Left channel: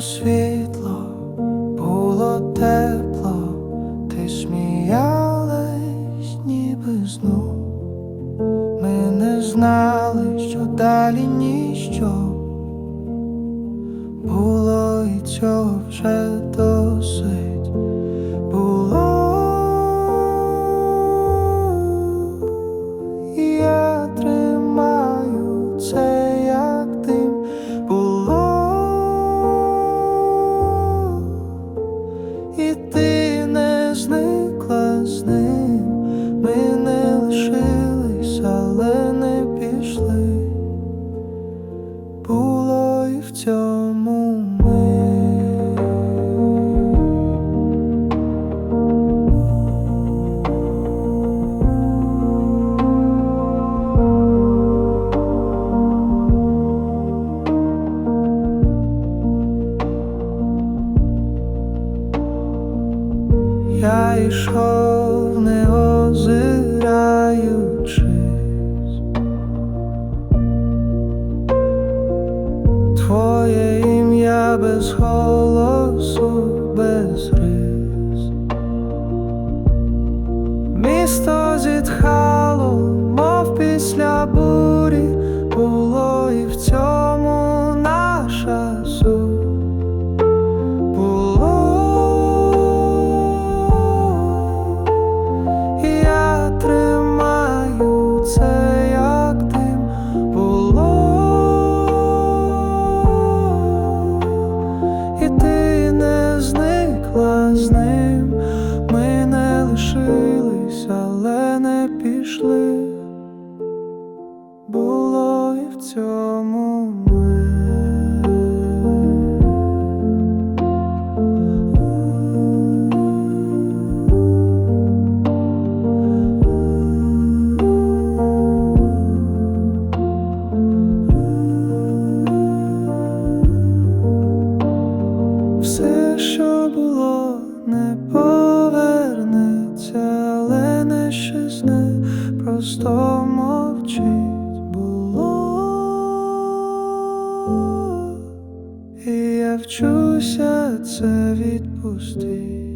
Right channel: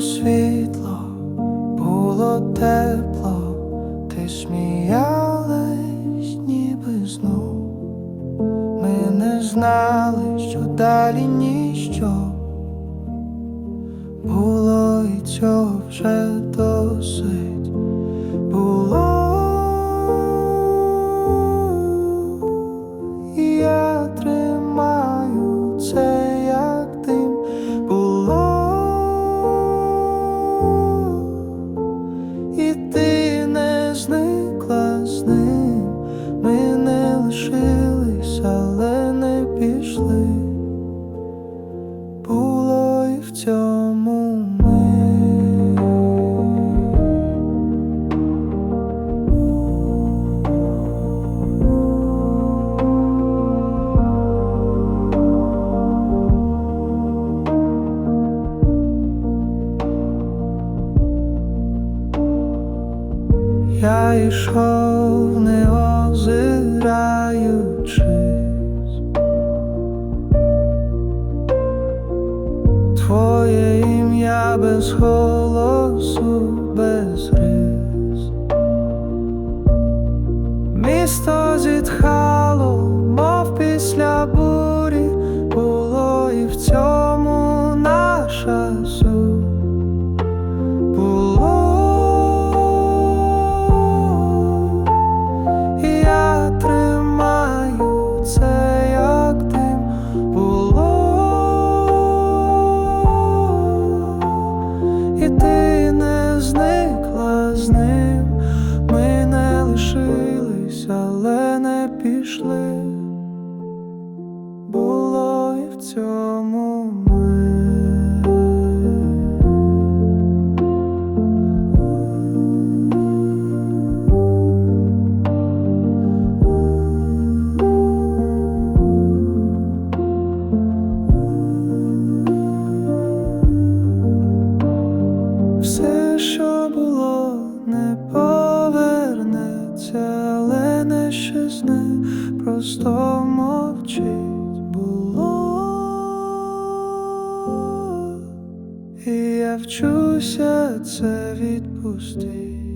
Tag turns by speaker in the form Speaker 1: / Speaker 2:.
Speaker 1: світло, було тепло, ти сміялась, ніби знов. Ми не знали, що далі ніщо було і цього вже досить було. Зникла Я йшов, не озираючись, Твоє ім'я без голосу, без рис. Місто зітхало, мов після бурі, було і в цьому ти не зникла з ним. Ми не лишились, але не пішли. Було і в цьому Все, що було, не повернеться, але не щезне, просто мовчить було. І я вчуся це відпустити.